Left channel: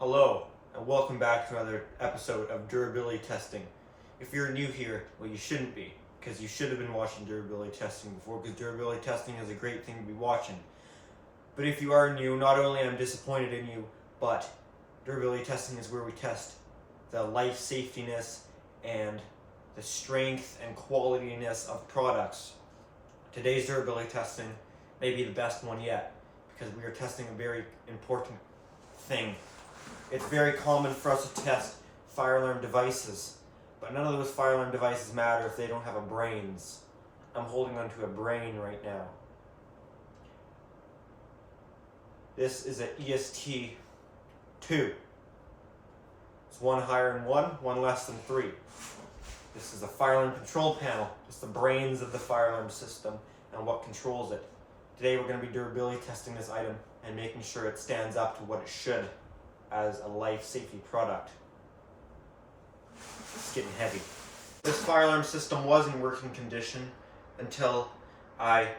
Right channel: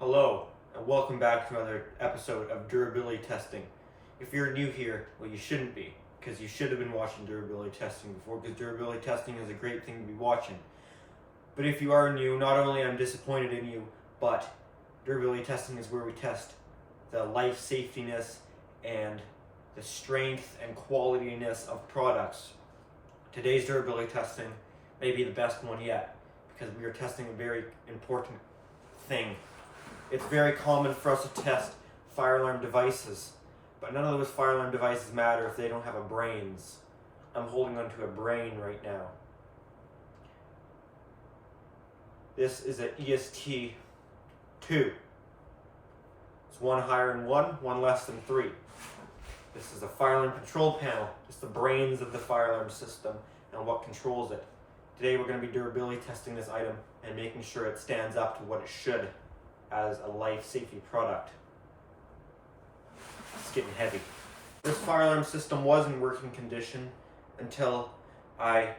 Hello, and welcome back to another episode of durability testing. If you're new here, well, you shouldn't be, because you should have been watching durability testing before, because durability testing is a great thing to be watching. But if you are new, not only am I disappointed in you, but durability testing is where we test the life safetiness and the strength and qualityness of products. Today's durability testing may be the best one yet, because we are testing a very important thing. It's very common for us to test fire alarm devices, but none of those fire alarm devices matter if they don't have a brains. I'm holding onto a brain right now. This is an EST-2. It's one higher than one less than 3. This is a fire alarm control panel. It's the brains of the fire alarm system and what controls it. Today we're going to be durability testing this item and making sure it stands up to what it should as a life safety product. It's getting heavy. This fire alarm system was in working condition until I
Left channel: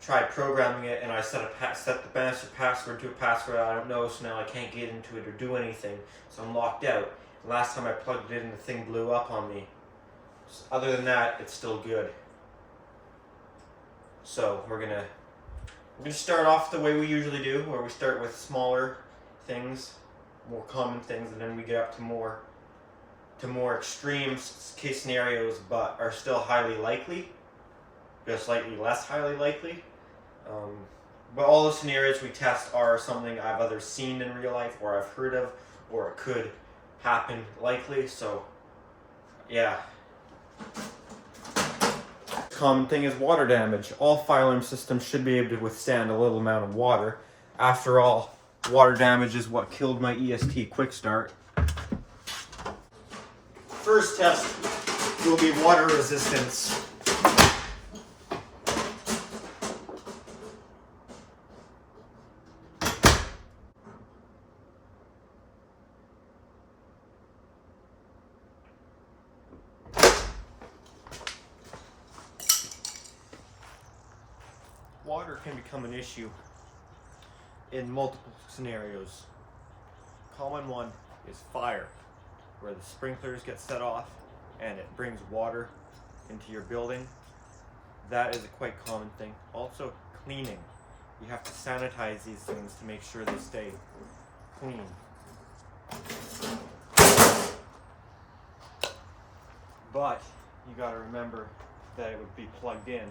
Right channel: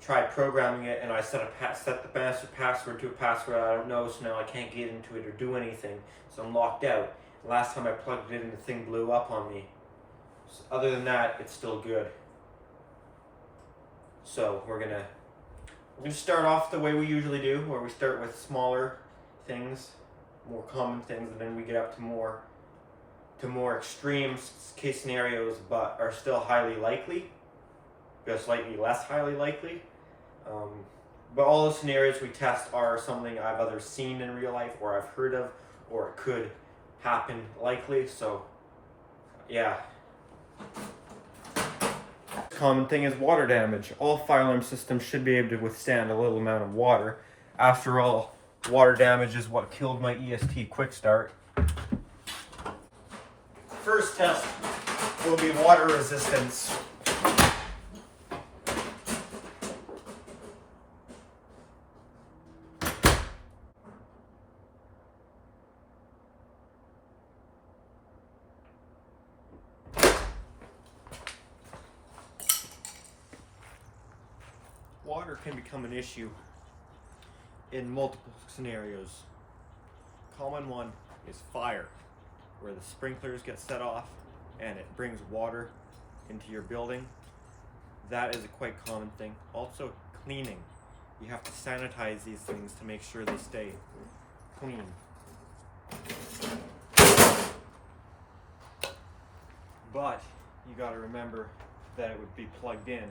tried programming it and I set the master password to a password I don't know, so now I can't get into it or do anything, so I'm locked out. The last time I plugged it in, the thing blew up on me. So other than that, it's still good. So we're gonna start off the way we usually do, where we start with smaller things, more common things, and then we get up to more extreme case scenarios, but are still highly likely, but slightly less highly likely. But all the scenarios we test are something I've either seen in real life, or I've heard of, or it could happen likely. So yeah. Common thing is water damage. All fire alarm systems should be able to withstand a little amount of water. After all, water damage is what killed my EST quick start. First test will be water resistance. Water can become an issue in multiple scenarios. Common one is fire, where the sprinklers get set off and it brings water into your building. That is a quite common thing. Also, cleaning. You have to sanitize these things to make sure they stay clean. But you got to remember that it would be plugged in.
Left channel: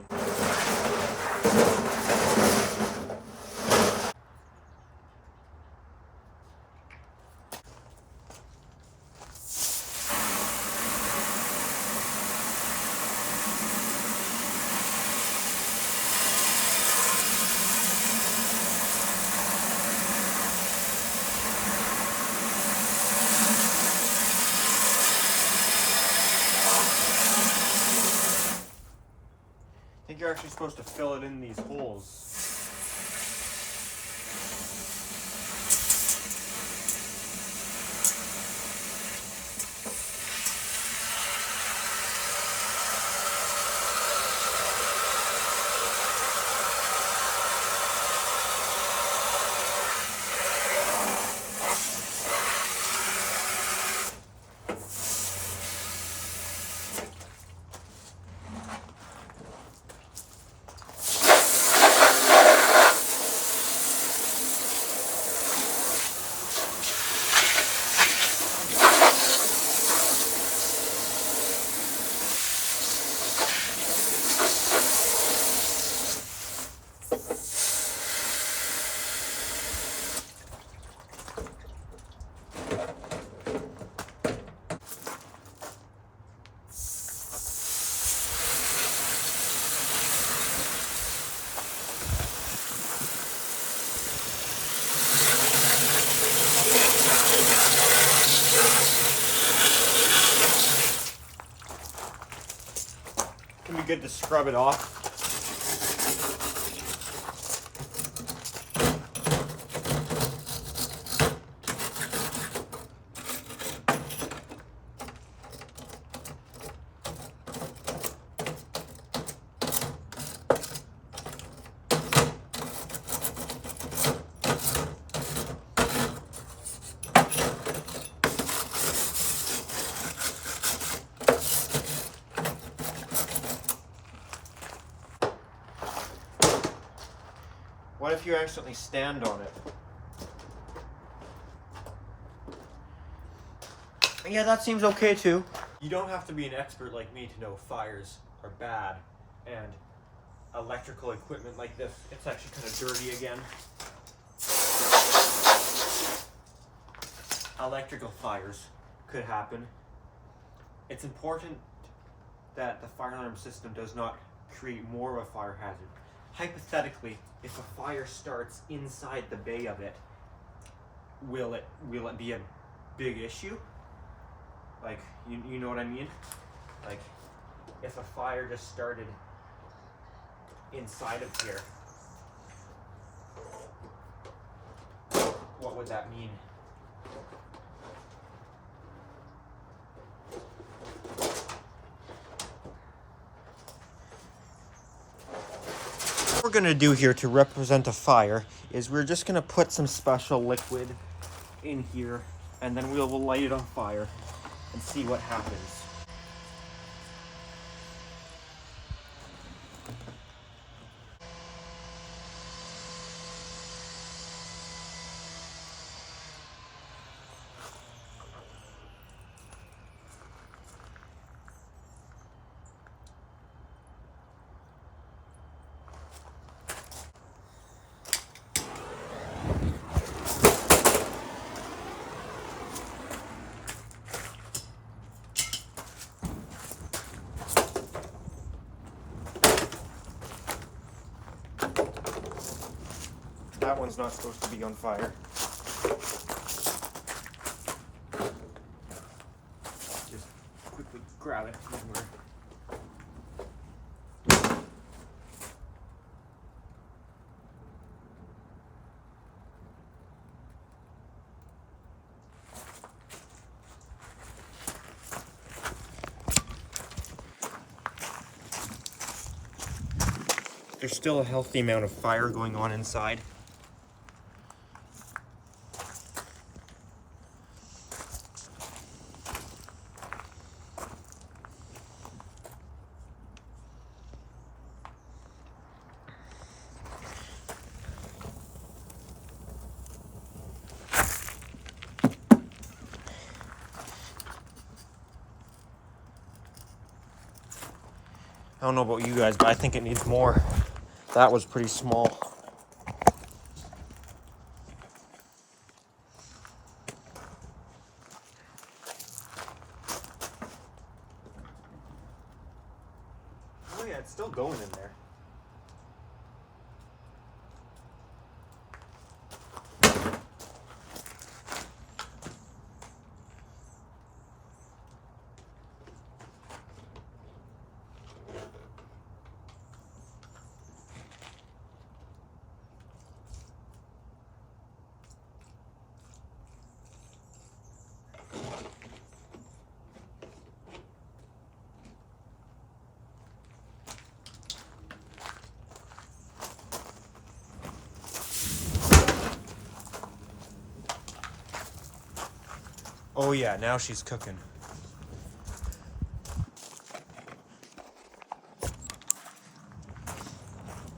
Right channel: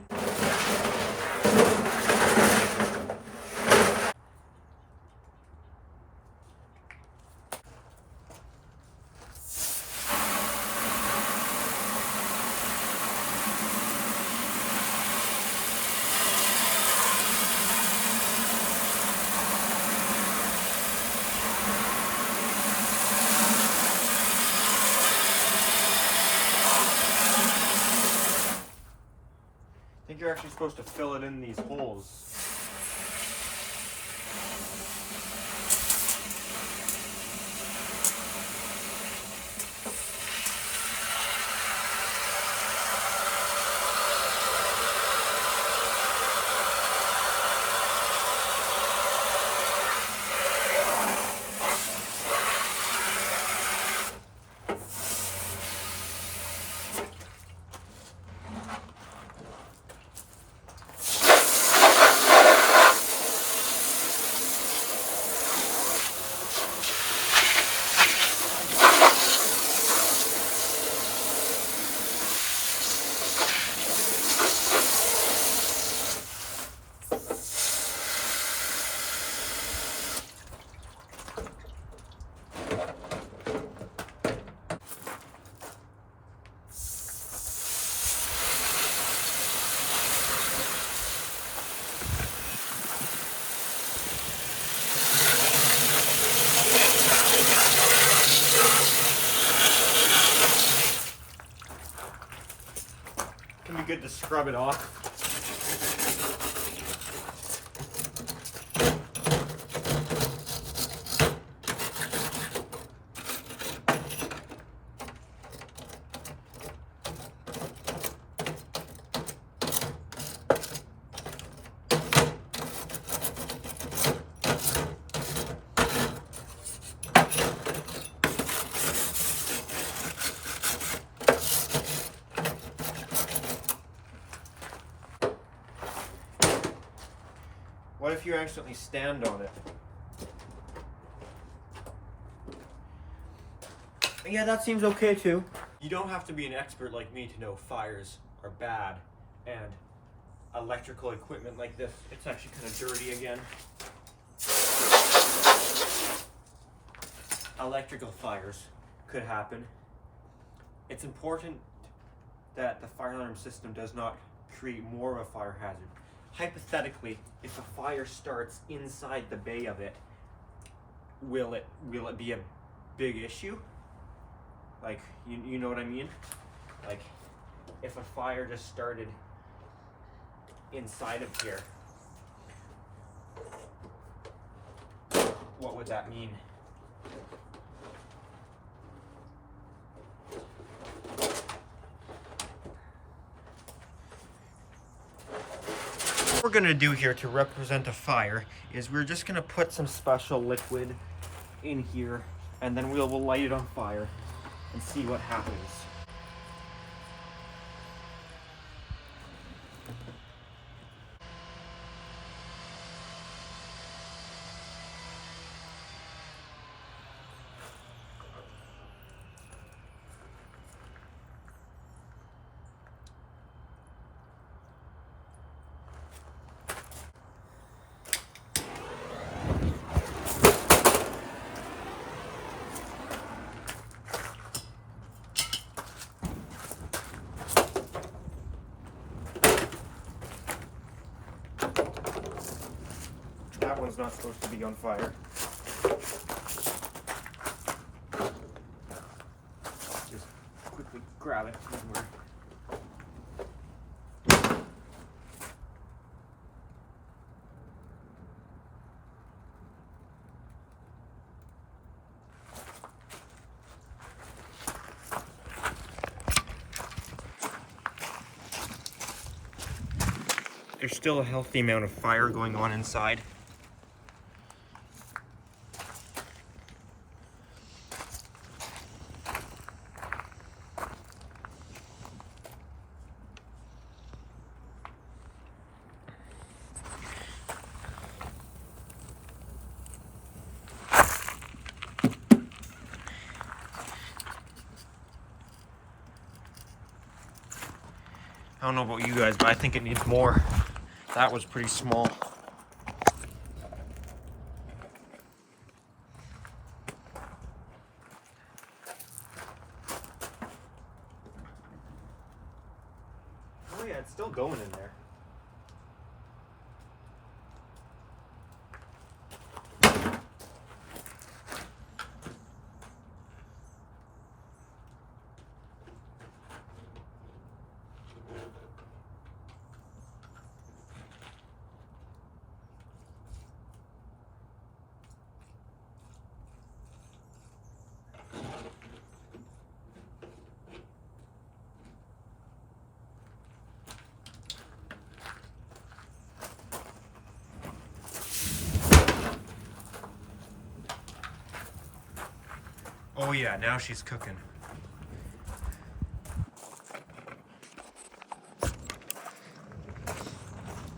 I think you're actually supposed to fill it in these holes. Can be good to scrub it off. What if you accidentally stand on it? Yeah, that seems okay too. You don't have to be an expert like me to know fires are bad, and electrical equipment like this, it's actually kind of dirty again. Electrical fires could happen. It's important that the fire alarm system does not create more of a fire hazard. Hypothetically, if a fire starts inside the bay of it, will it be a big issue? Like, you know what I mean? Like, if a fire just started inside of here, what would that mean? What we're gonna do here to represent a fire is we're just gonna put some special liquid in here, and then we'll light it on fire and see what happens. That one's not supposed to be on fire. Just quickly grab it when we're... There's still a healthy amount of fire going on inside. I don't know about you guys, but I think it needs more. That was pretty small. Oh yeah, it's still going in there. Oh yeah, now she's cooking.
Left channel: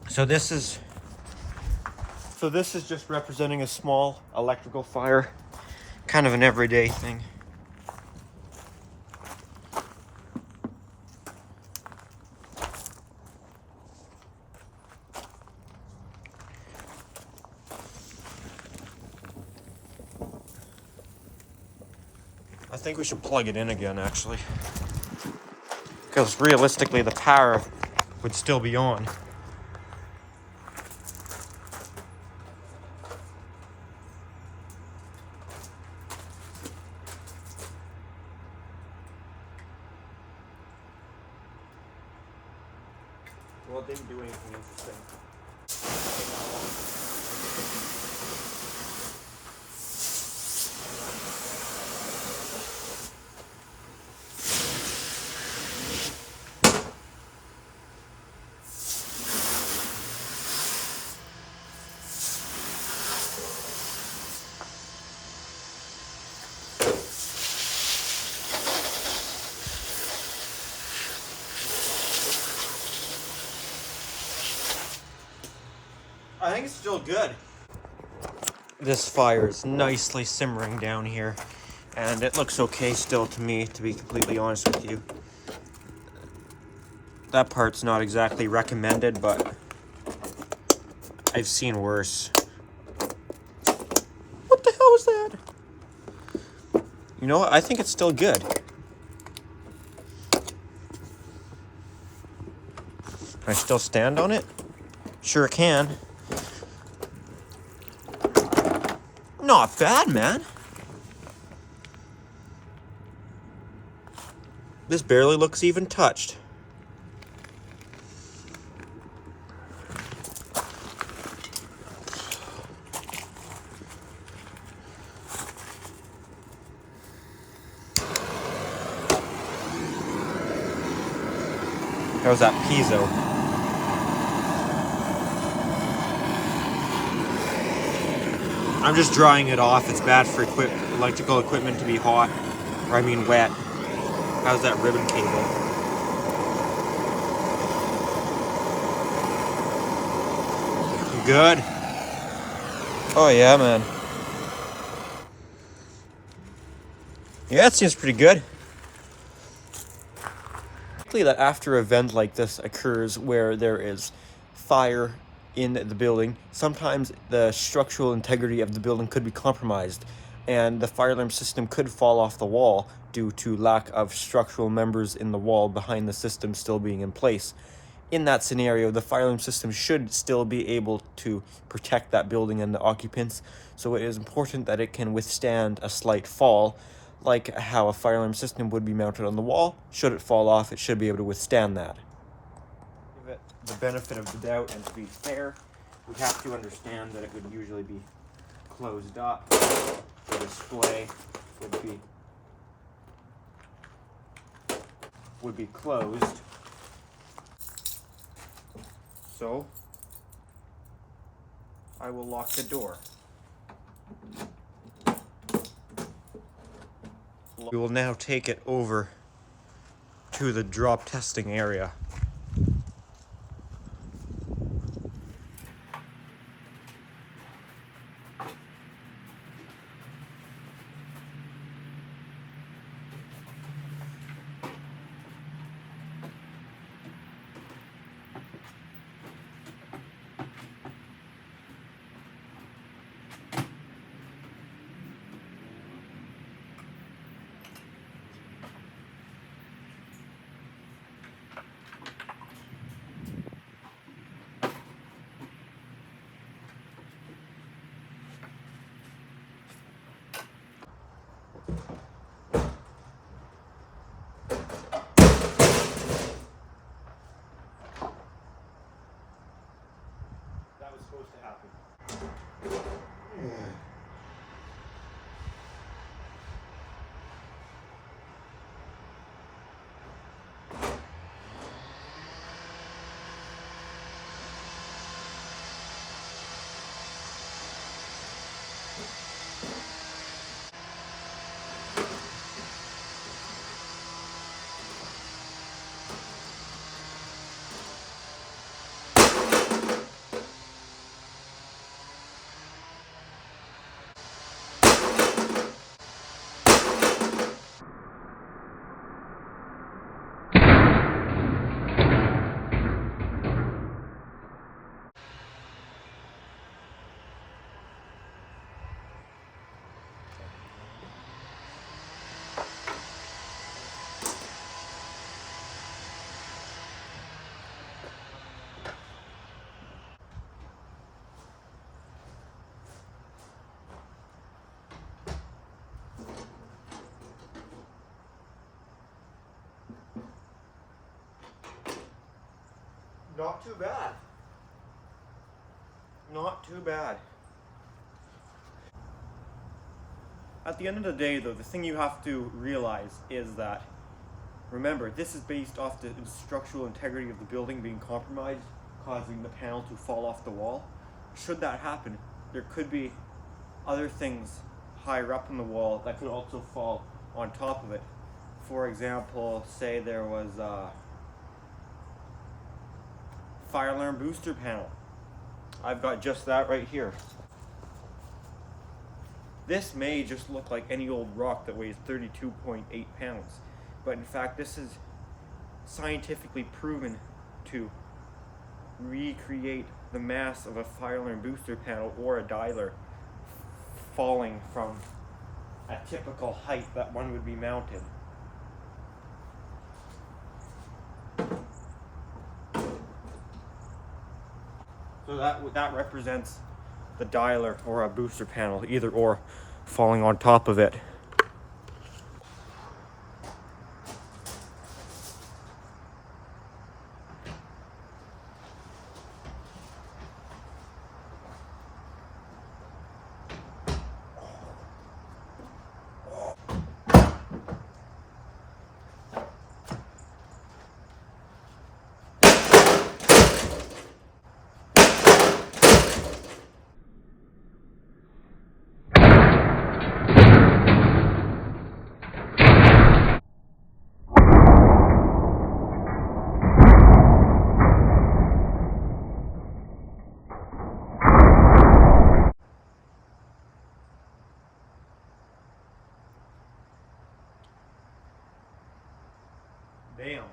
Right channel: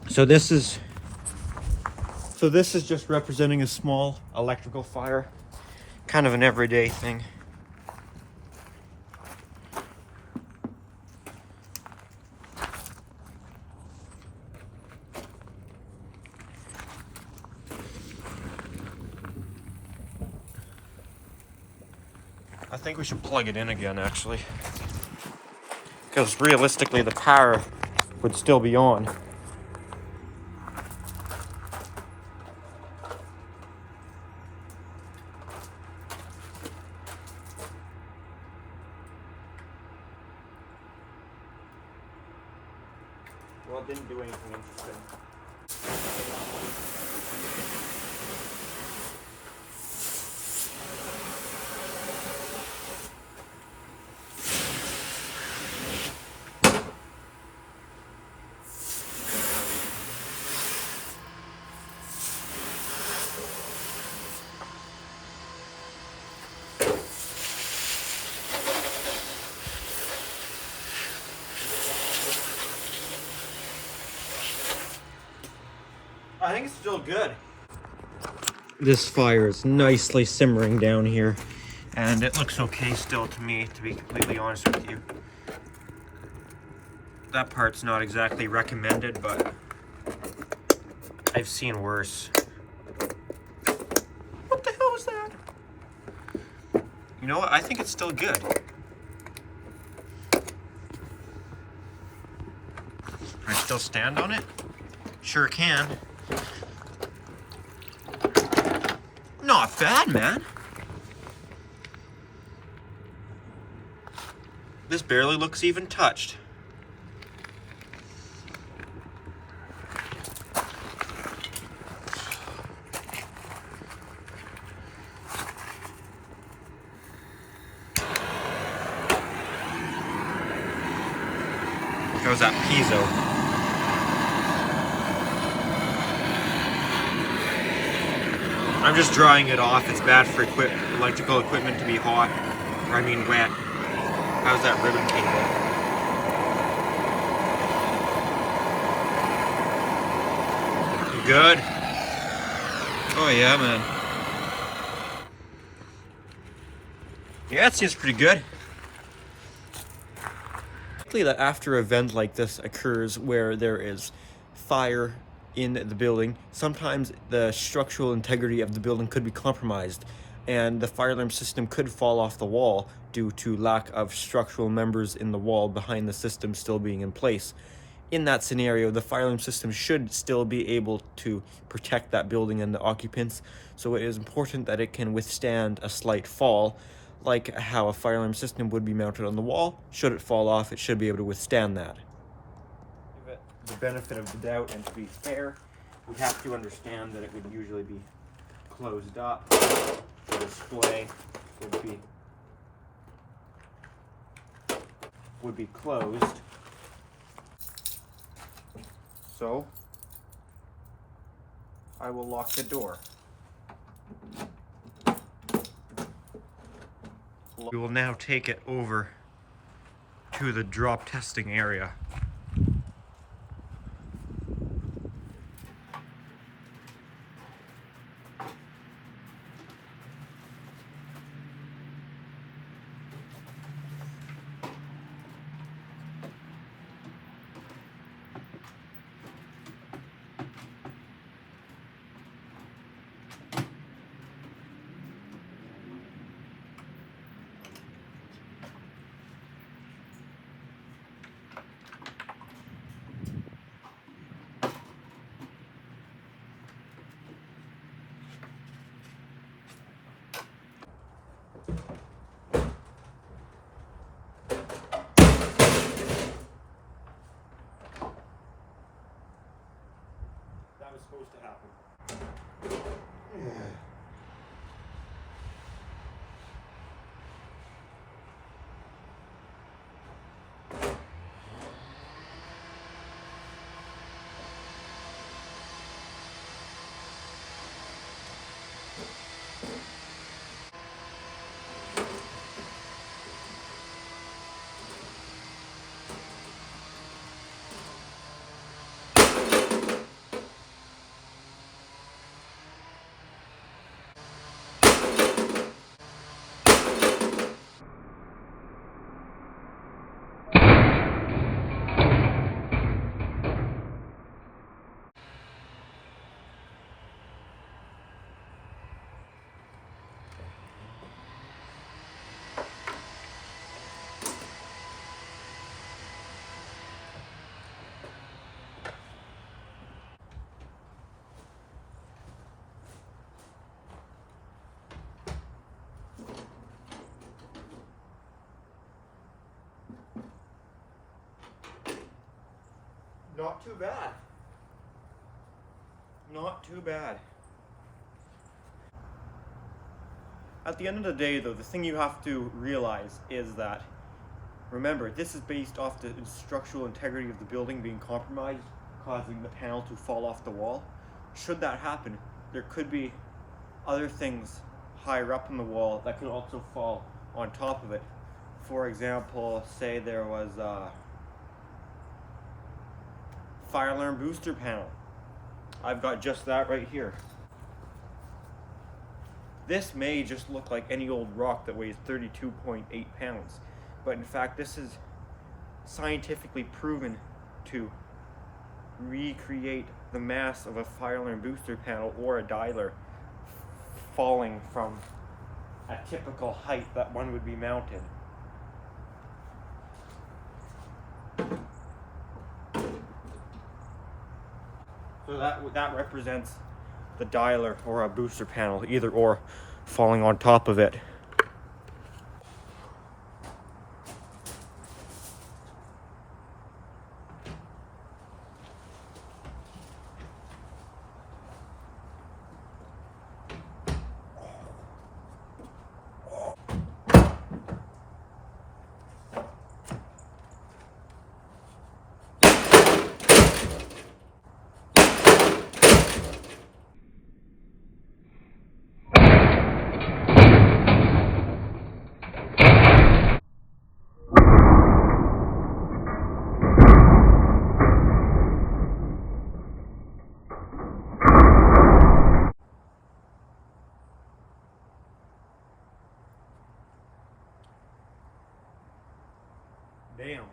So this is just representing a small electrical fire, kind of an everyday thing. I think we should plug it in again, actually, because realistically the power would still be on. Well, it didn't do anything interesting. I think it's still good. This fire is nicely simmering down here, and it looks okay still to me, to be completely honest with you. That part's not exactly recommended, but I've seen worse. What the hell was that? You know what? I think it's still good. Can I still stand on it? Sure can. Not bad, man. This barely looks even touched. How's that piezo? I'm just drying it off. It's bad for electrical equipment to be hot, or I mean wet. How's that ribbon cable? Good. Oh yeah, man. Yeah, it seems pretty good. That after an event like this occurs where there is fire in the building, sometimes the structural integrity of the building could be compromised and the fire alarm system could fall off the wall due to lack of structural members in the wall behind the system still being in place. In that scenario, the fire alarm system should still be able to protect that building and the occupants, so it is important that it can withstand a slight fall, like how a fire alarm system would be mounted on the wall. Should it fall off, it should be able to withstand that. Give it the benefit of the doubt, and to be fair, we have to understand that it would usually be closed up. The display would be closed. So I will lock the door. We will now take it over to the drop testing area. That was supposed to happen. Not too bad. Not too bad. At the end of the day, though, the thing you have to realize is that, remember, this is based off the structural integrity of the building being compromised, causing the panel to fall off the wall. Should that happen, there could be other things higher up in the wall that could also fall on top of it. For example, say there was a fire alarm booster panel I've got just that right here. This may just look like any old rock that weighs 32.8 pounds, but in fact this is scientifically proven to recreate the mass of a fire alarm booster panel or a dialer falling from a typical height that one would be mounted. So that represents the dialer or a booster panel, either or, falling on top of it. Bam.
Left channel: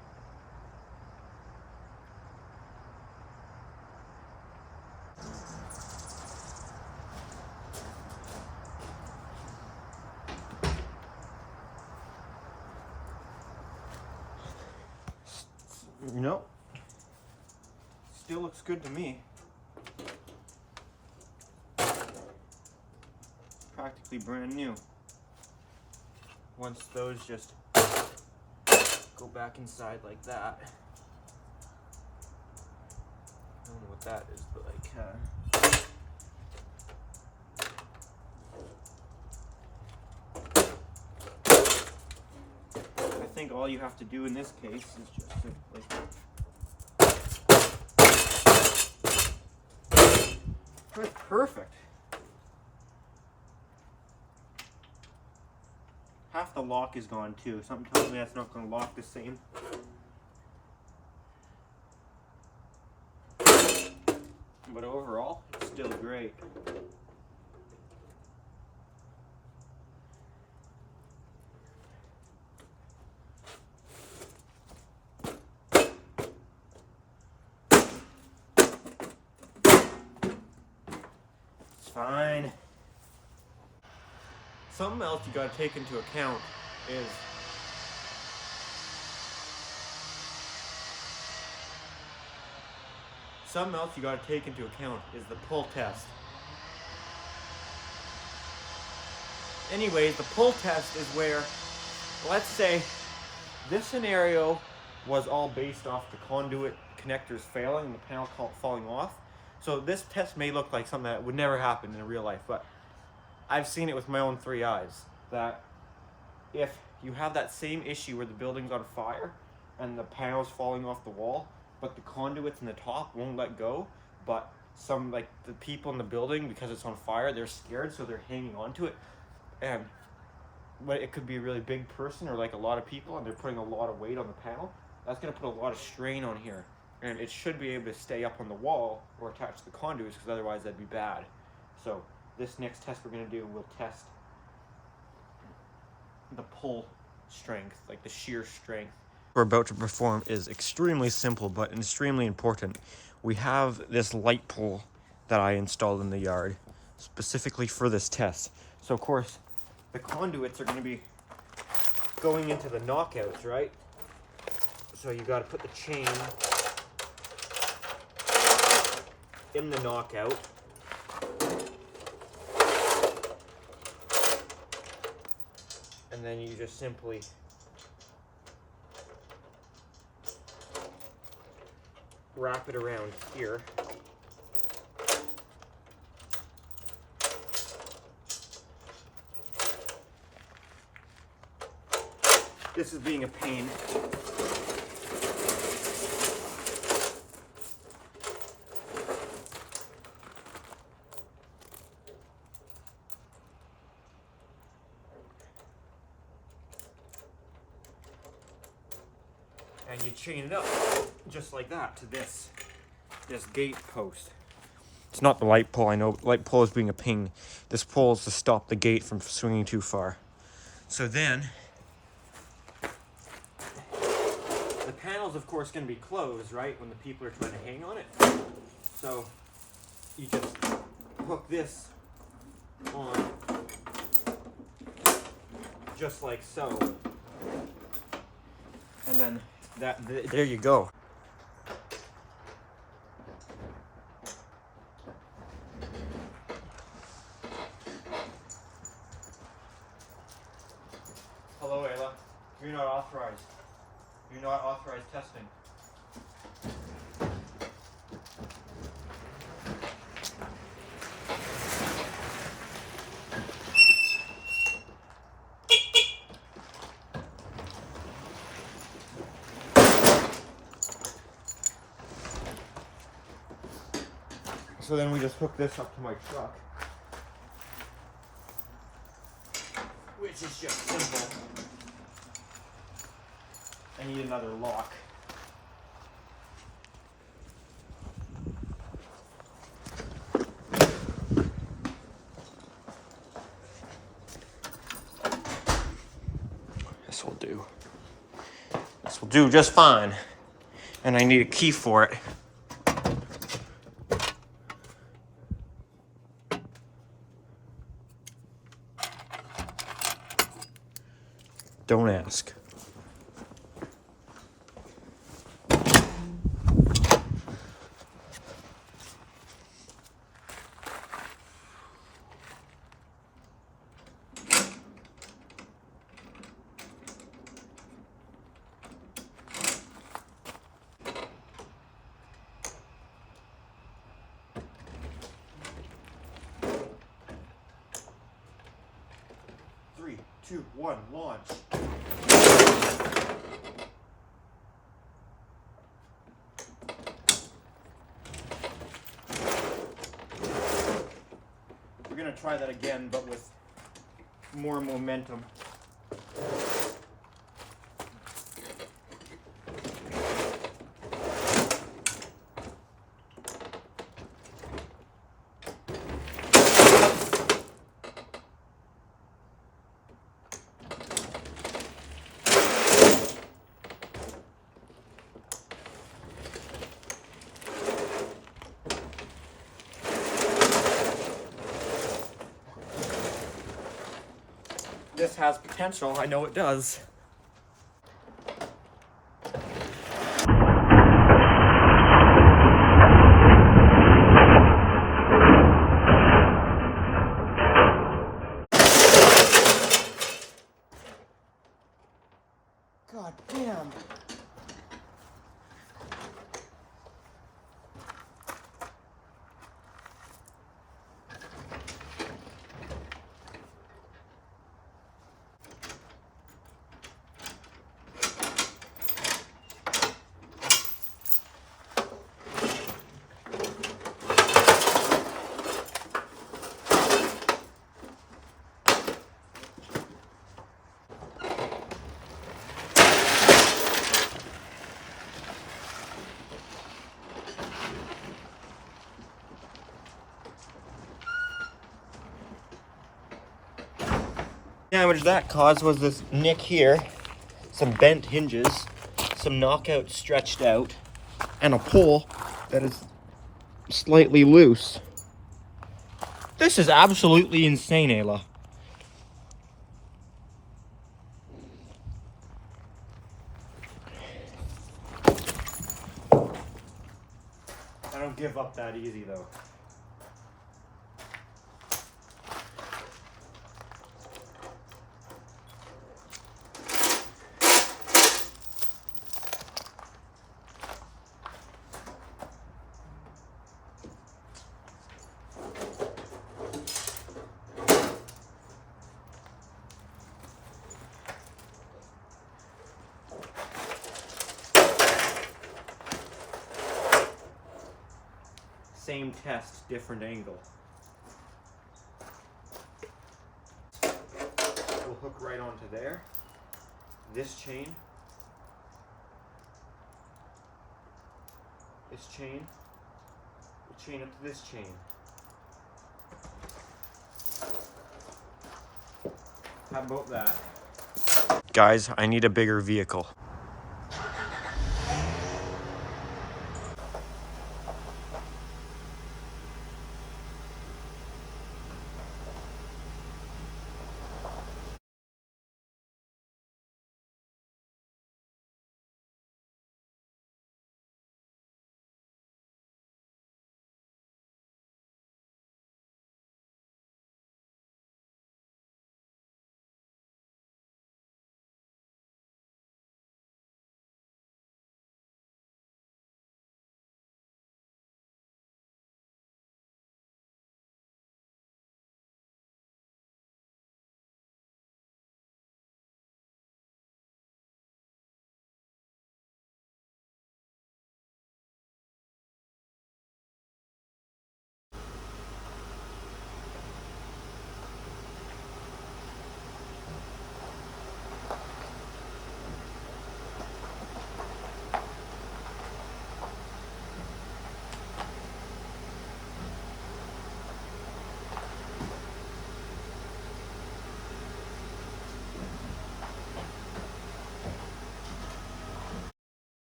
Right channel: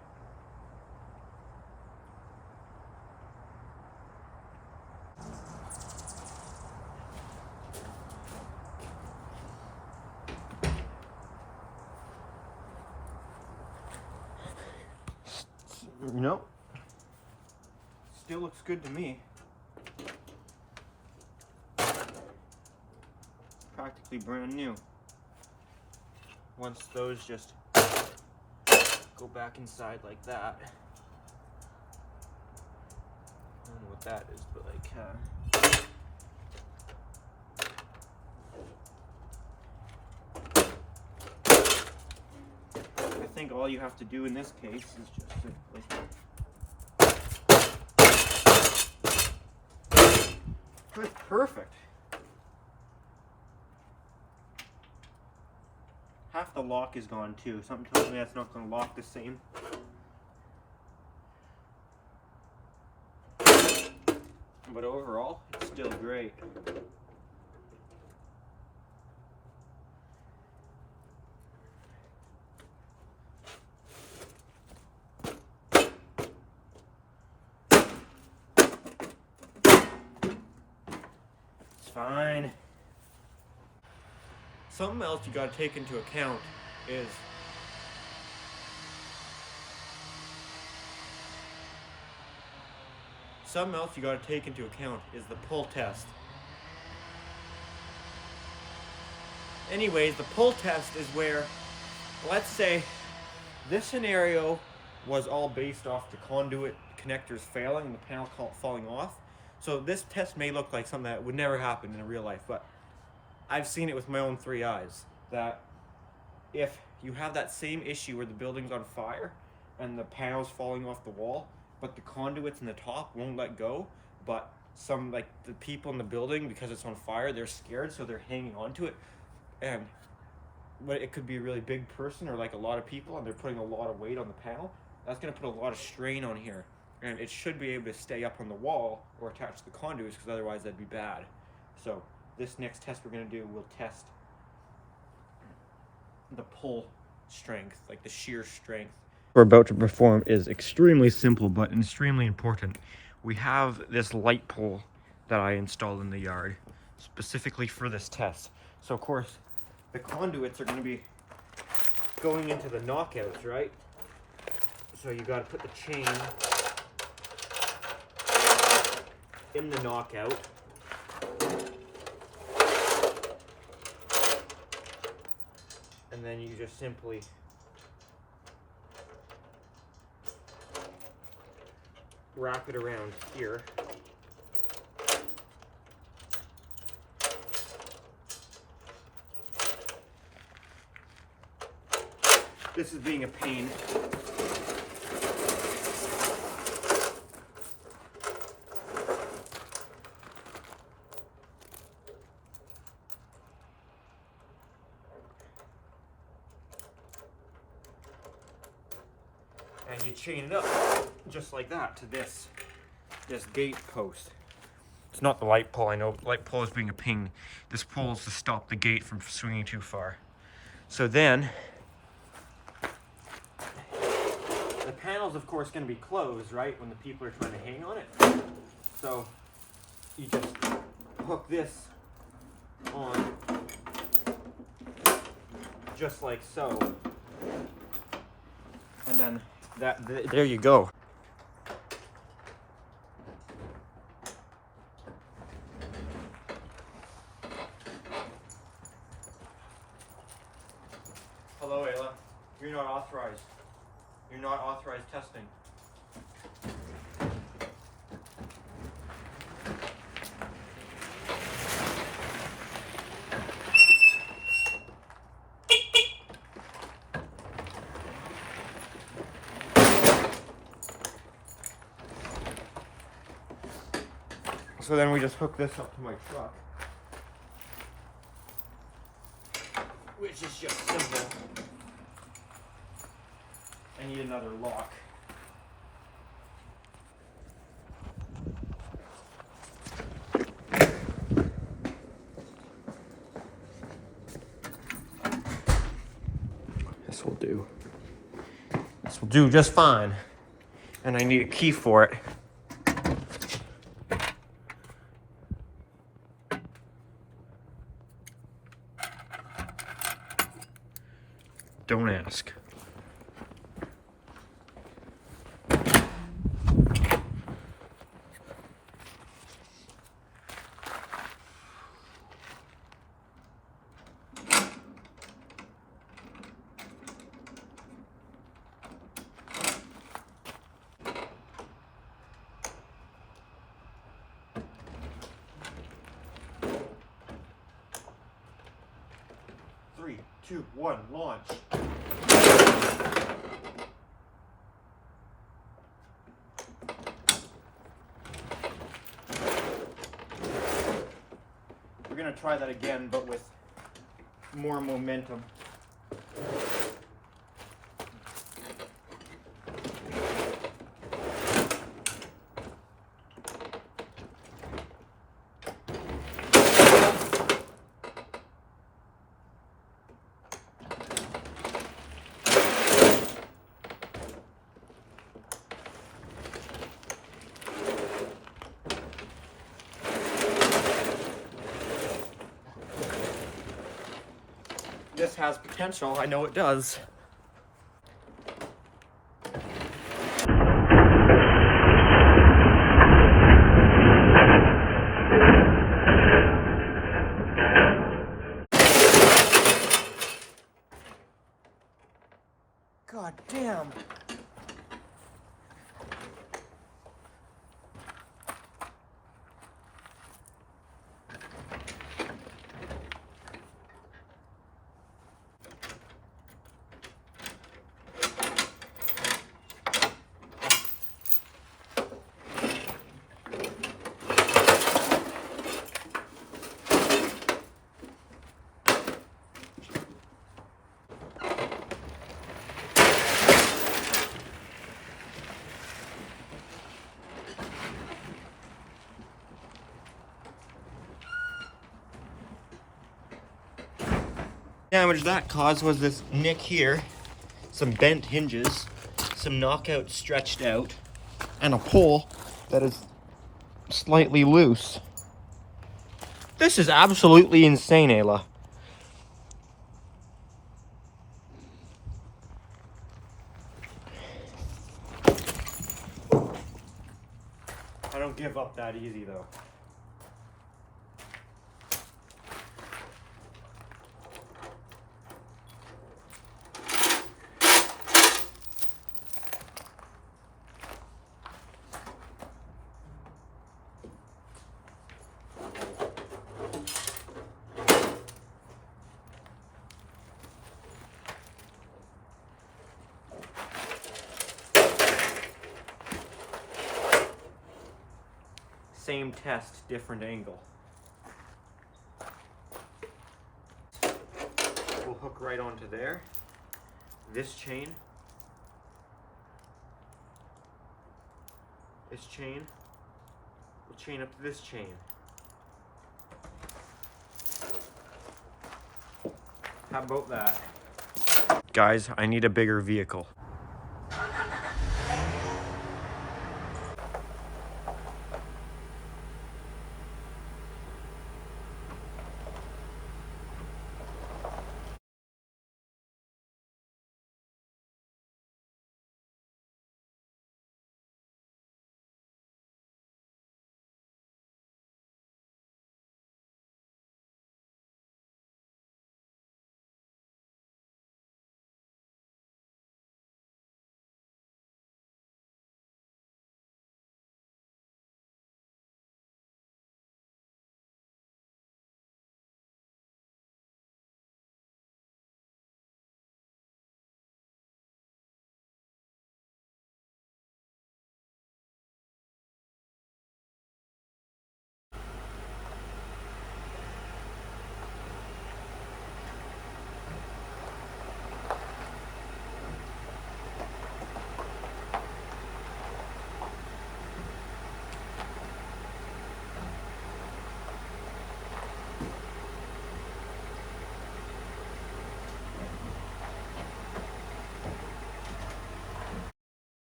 You know, still looks good to me. Practically brand new. Once those just go back inside like that. I don't know what that is, but like, I think all you have to do in this case is just simply that's perfect. Half the lock is gone too. Something tells me that's not going to lock the same. But overall, it's still great. It's fine. Something else you got to take into account is the pull test. Anyways, the pull test is where, let's say, this scenario was all based off the conduit connectors failing and the panel falling off. So this test may look like something that would never happen in real life, but I've seen it with my own 3 eyes, that if you have that same issue where the building's on fire and the panel's falling off the wall, but the conduits in the top won't let go, but some, like the people in the building, because it's on fire, they're scared, so they're hanging on to it. And it could be a really big person or like a lot of people and they're putting a lot of weight on the panel. That's going to put a lot of strain on here. And it should be able to stay up on the wall or attach to the conduits, because otherwise that'd be bad. So this next test we're going to do will test the pull strength, like the shear strength. We're about to perform is extremely simple but extremely important. We have this light pole that I installed in the yard specifically for this test. So of course the conduits are going to be going into the knockouts, right? So you got to put the chain in the knockout. And then you just simply wrap it around here. This is being a pain. And you chain it up just like that to this gate post. It's not the light pole, I know. Light pole is being a pain. This pole is to stop the gate from swinging too far. So then, the panel's of course going to be closed, right, when the people are trying to hang on it. So you just hook this on just like so. And then there you go. Hello, Ayla. You're not authorized. You're not authorized testing. So then we just hook this up to my truck, which is just simple. I need another lock. This will do. This will do just fine. And I need a key for it. Don't ask. Three, two, one, launch. We're gonna try that again, but with more momentum. This has potential, I know it does. God damn. Damage that caused was this nick here, some bent hinges, some knockouts stretched out, and a pole that is slightly loose. This is absolutely insane, Ayla. I don't give up that easy though. Same test, different angle. We'll hook right onto there. This chain. This chain will chain up to this chain. How about that? Guys, I need a bigger vehicle.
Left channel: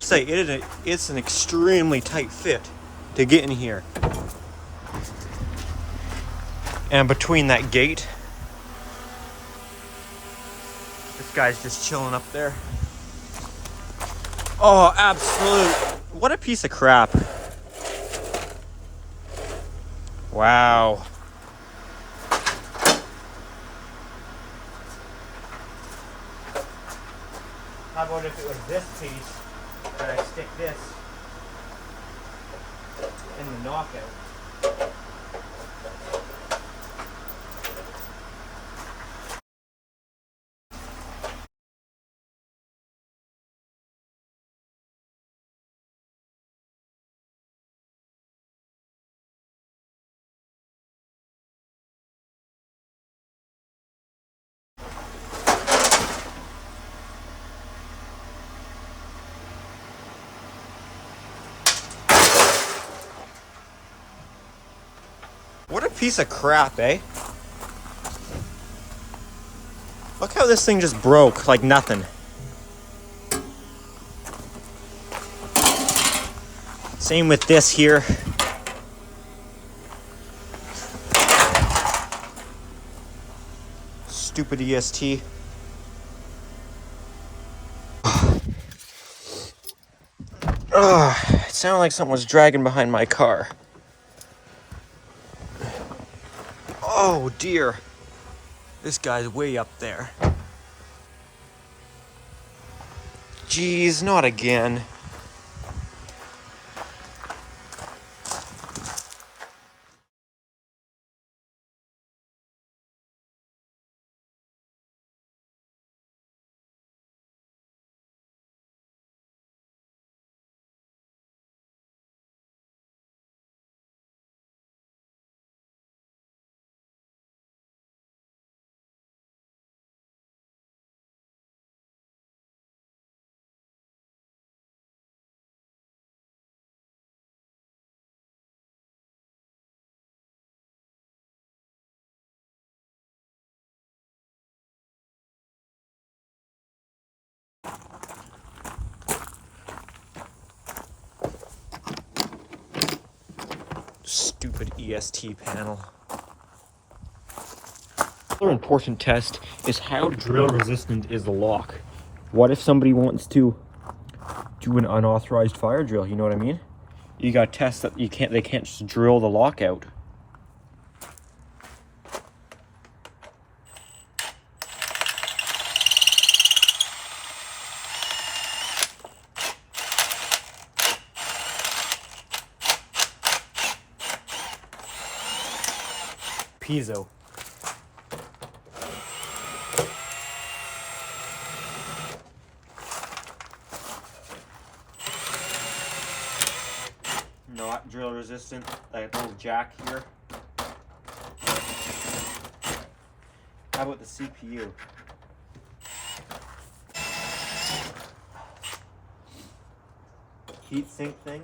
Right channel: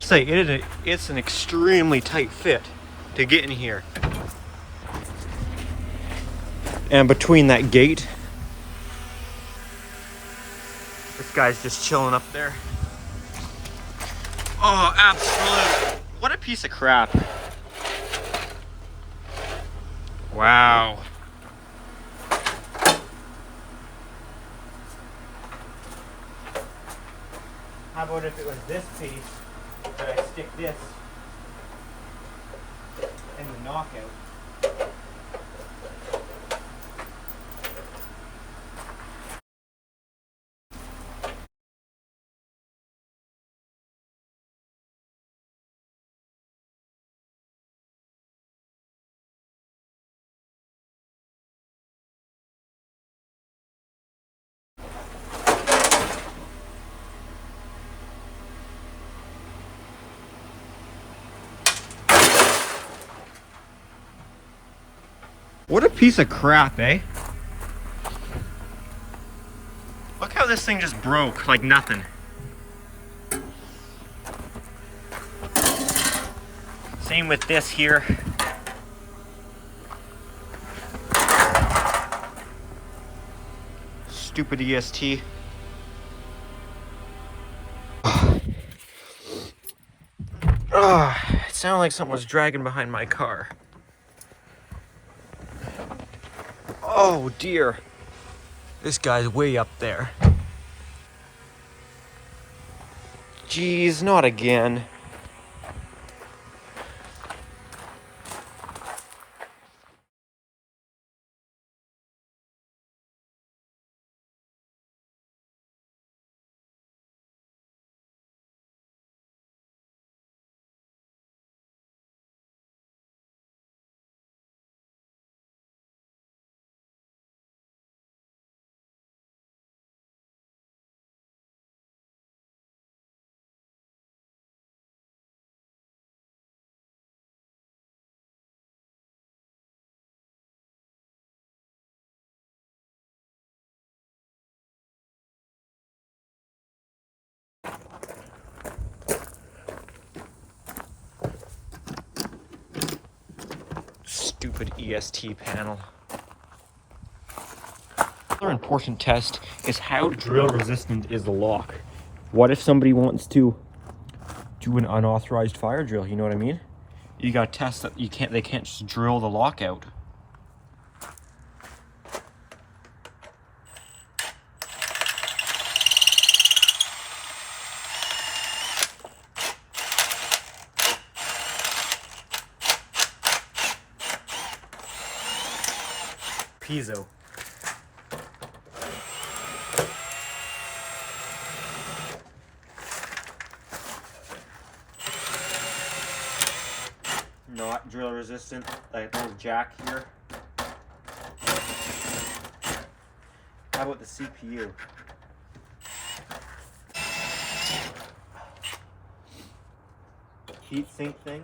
Say it's an extremely tight fit to get in here. And between that gate, this guy's just chilling up there. Oh, absolute. What a piece of crap. Wow. How about if it was this piece that I stick this in the knockout? What a piece of crap, eh? Look how this thing just broke like nothing. Same with this here. Stupid EST. It sounded like something was dragging behind my car. Oh dear. This guy's way up there. Jeez, not again. Stupid EST panel. Another important test is how drill resistant is the lock. What if somebody wants to do an unauthorized fire drill? You know what I mean? You gotta test that they can't just drill the lock out. Piezo. Not drill resistant, like a little jack here. How about the CPU? Heat sink thing.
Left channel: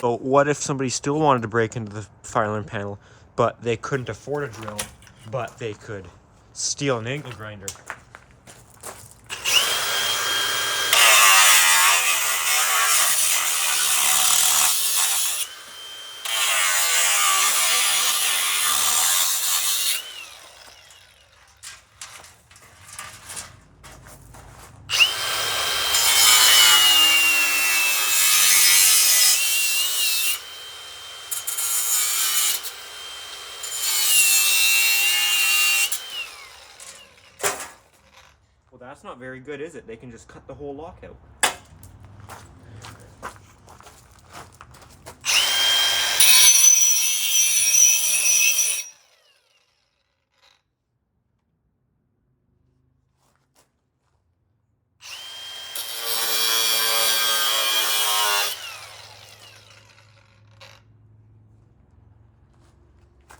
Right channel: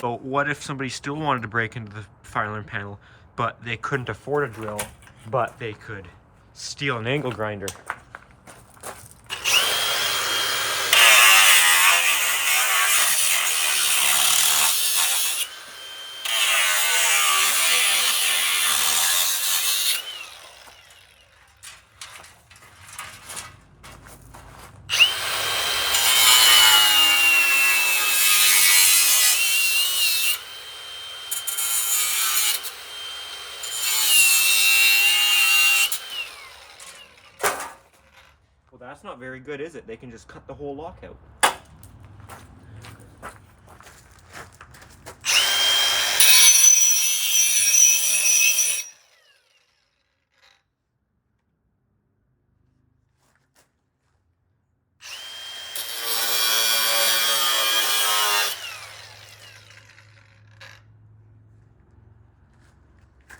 So what if somebody still wanted to break into the fire alarm panel, but they couldn't afford a drill, but they could steal an angle grinder? Well, that's not very good, is it? They can just cut the whole lock out.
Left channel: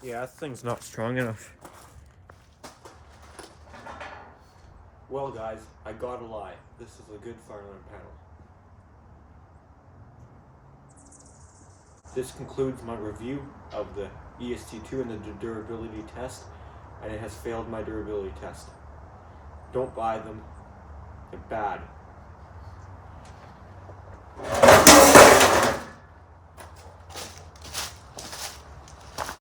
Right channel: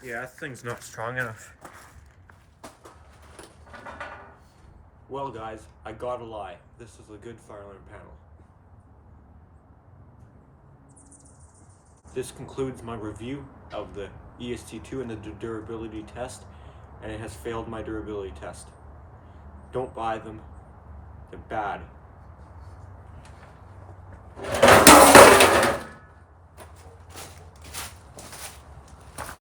Yeah, that thing's not strong enough. Well guys, I gotta lie. This is a good fire alarm panel. This concludes my review of the EST-2 and the durability test, and it has failed my durability test. Don't buy them. They're bad.